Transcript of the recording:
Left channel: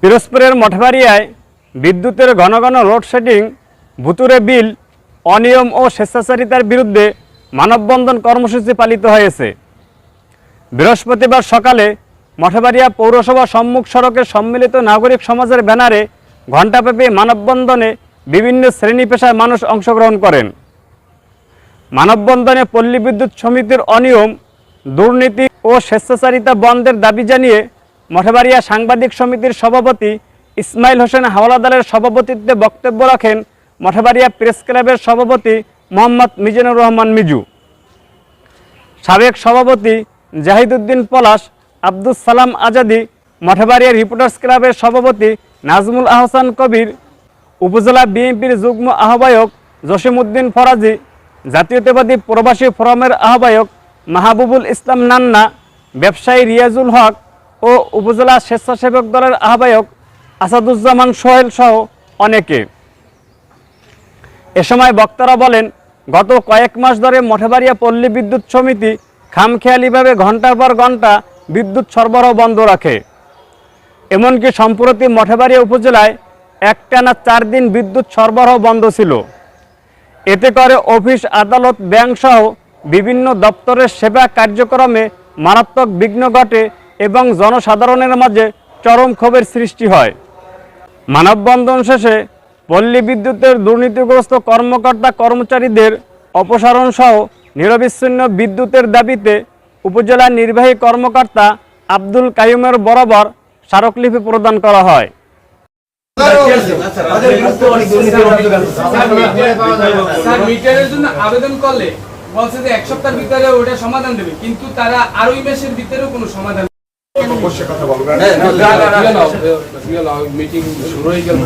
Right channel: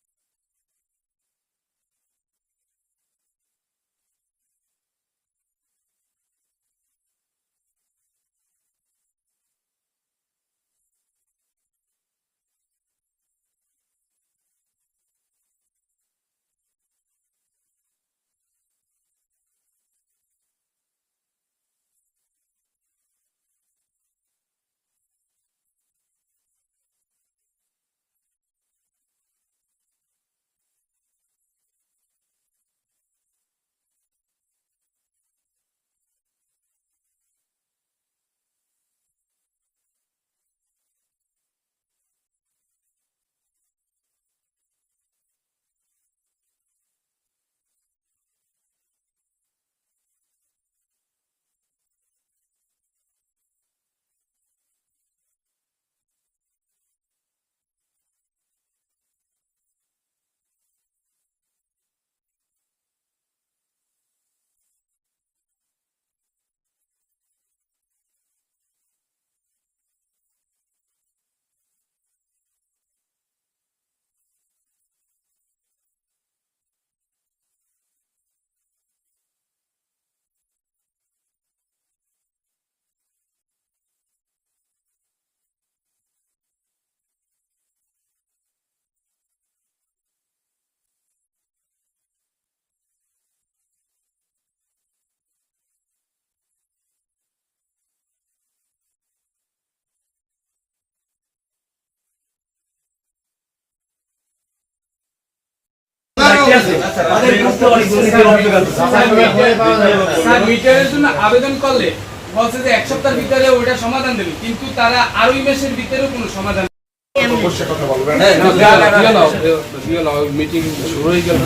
পিরোজপুরের মঠবাড়িয়ায় বিদ্যুতের ঘন ঘন লোডশেডিং, ভুতুরে বিল, অনিয়ম ও স্বেচ্ছাচারিতার বিরুদ্ধে মানববন্ধন কর্মসূচি পালিত হয়েছে। বৃহস্পতিবার সকালে মঠবাড়িয়া পৌরসভা সম্মুখ সড়কে সম্মিলিত নাগরিক সমাজের ব্যানারে ঘণ্টাব্যাপী মানববন্ধনে বিভিন্ন শ্রেণী পেশার মানুষ অংশগ্রহণ করেন। মানববন্ধনে পল্লী বিদ্যুৎ সমিতির অনিয়ম, দুর্নীতি ও স্বেচ্ছাচারিতা বন্ধের দাবি জানিয়ে মঠবাড়িয়া সাংবাদিক সমিতির সভাপতি ইসমাইল হোসেন হাওলাদারের সভাপতিত্বে বক্তব্য রাখেন মঠবাড়িয়া প্রেস ক্লাবের সভাপতি মোহাম্মদ মিজানুর রহমান মিজু। সাবেক সভাপতি জাহিদুদ্দিন পলাশ, আব্দুস সালাম আজাদি, মঠবাড়িয়া রিপোর্টার্স ক্লাবের সভাপতি নাজমুল আহসান কবির, উপজেলা বিএনপির যুগ্ম আহ্বায়ক জসিমউদ্দিন ফরাজি, জাতীয়তাবাদী প্রবাসী ফোরামের আহ্বায়ক মাহবুবুল ইসলাম নান্না, ব্যবসায়ী রিয়াজুল হক ও উপজেলা স্বেচ্ছাসেবক দলের আহ্বায়ক আসাদুজ্জামান সোহেল সহ অনেকে। এ সময় বক্তারা বলেন, গত কয়েক মাস ধরে মঠবাড়িয়া পল্লী বিদ্যুৎ সমিতি খামখেয়ালিভাবে ঘণ্টার পর ঘণ্টা বিদ্যুৎ সরবরাহ বন্ধ রাখে। এমনকি সম্প্রতি মঠবাড়িয়া উপজেলায় একটানা 4 দিন বিদ্যুৎ সরবরাহ বন্ধ ছিল। এতে করে অফিস, আদালত, ব্যাংক সহ বিভিন্ন দপ্তরের সেবা কার্যক্রমে মারাত্মক বিঘ্ন ঘটে এবং জনসাধারণের মাঝে চরম ক্ষোভের সৃষ্টি হয়। মানববন্ধন শেষে পল্লী বিদ্যুতের দুর্নীতিগ্রস্ত কর্মকর্তা কর্মচারীদের অপসারণ সহ নিরবিচ্ছিন্ন বিদ্যুতের দাবিতে উপজেলা নির্বাহী কর্মকর্তা আব্দুল কাইয়ুমের বরাবর স্মারকলিপি প্রদান করা হয়। মিটারের জন্য আবেদন করলে বলছে যে 1 সপ্তাহের ভিতরে ওটা সমাধান দেবে, কিন্তু তারা আরোই মাসের ভিতরেও কোনো সমাধান মিটিং শুরু হয়ে গেল।